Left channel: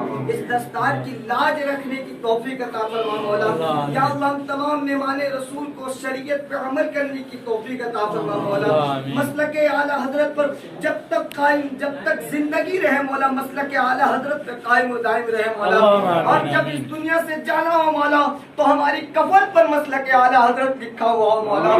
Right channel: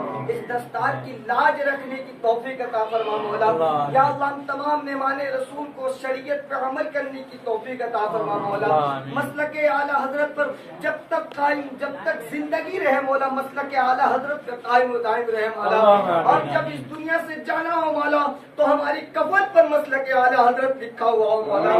مولا، اس دستار کی لاج رکھنے کی توفیق عطا فرما مولا، یا اللہ ہم تمام مہمان رسول کو شریعت پہ عمل کرنے کی توفیق عطا فرما مولا، مسلک اعلیٰ حضرت پر جب تک قائم، جب تک زندگی رہے مولا مسلک اعلیٰ حضرت پہ قائم و دائم رہے مولا، اور جب اس دنیا سے جانا ہو مولا تو ہماری کفن پر مسلک اعلیٰ حضرت لکھا ہوا ہو مولا،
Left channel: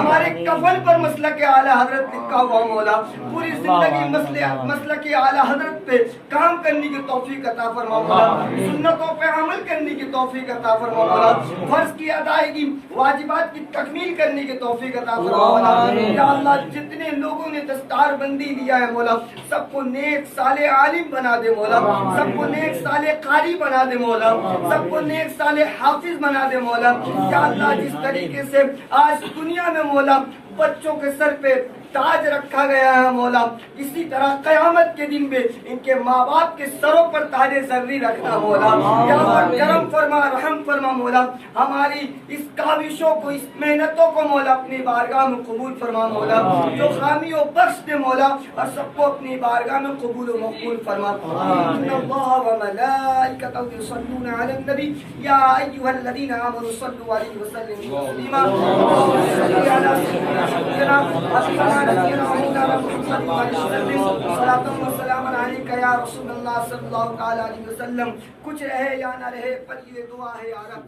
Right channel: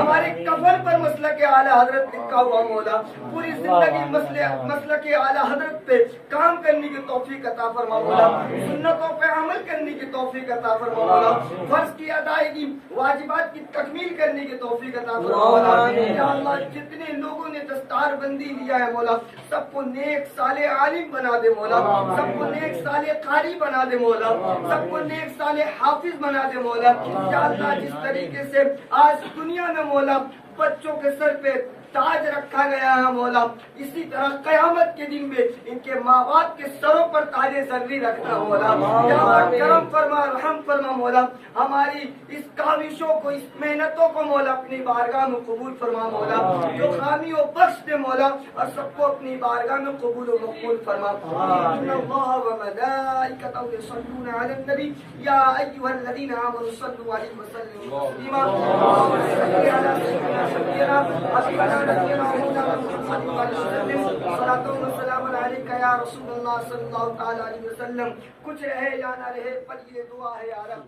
ہمارے کفن پر مسلک اعلیٰ حضرت لکھا ہوا مولا، پوری زندگی مسلک اعلیٰ حضرت پہ کام کرنے کی توفیق عطا فرما مولا، سنتوں پہ عمل کرنے کی توفیق عطا فرما مولا، فرض کی ادائیگی، واجبات کی تکمیل کرنے کی توفیق عطا فرما مولا، یا اللہ جتنے لوگوں نے دستار بندی لیا ہے مولا سب کو نیک صالح عالم بنا دے مولا، سب کو نیک صالح قاری بنا دے مولا، سب کو نیک صالح حافظ بنا دے مولا، یا اللہ جس طریقے سے آج دنیا میں مولا بچوں کے سر پہ تاج رکھا گیا ہے مولا، اسی طرح قیامت کے دن میں ان کے ماں باپ کے سروں پر تاج زرری رکھنا مولا، یا اللہ کرم فرما رحم فرما مولا، ہماری اس کاوشوں کو، اس محنتوں کو مولا اپنی بارگاہ میں قبول فرما مولا، جو خامیوں بخش دے مولا اور سب کو اپنی بارگاہ میں قبول و مقبول فرما۔ ان اللہ و ملائکتہ یصلون علی النبی یا ایھا الذین آمنوا صلوا علیہ وسلموا تسلیما، اللهم صل علی سیدنا یا رسول اللہ صلی اللہ علیہ وسلم۔ کچھ رہے یا نہ رہے پر یہ دعا ہے یا رب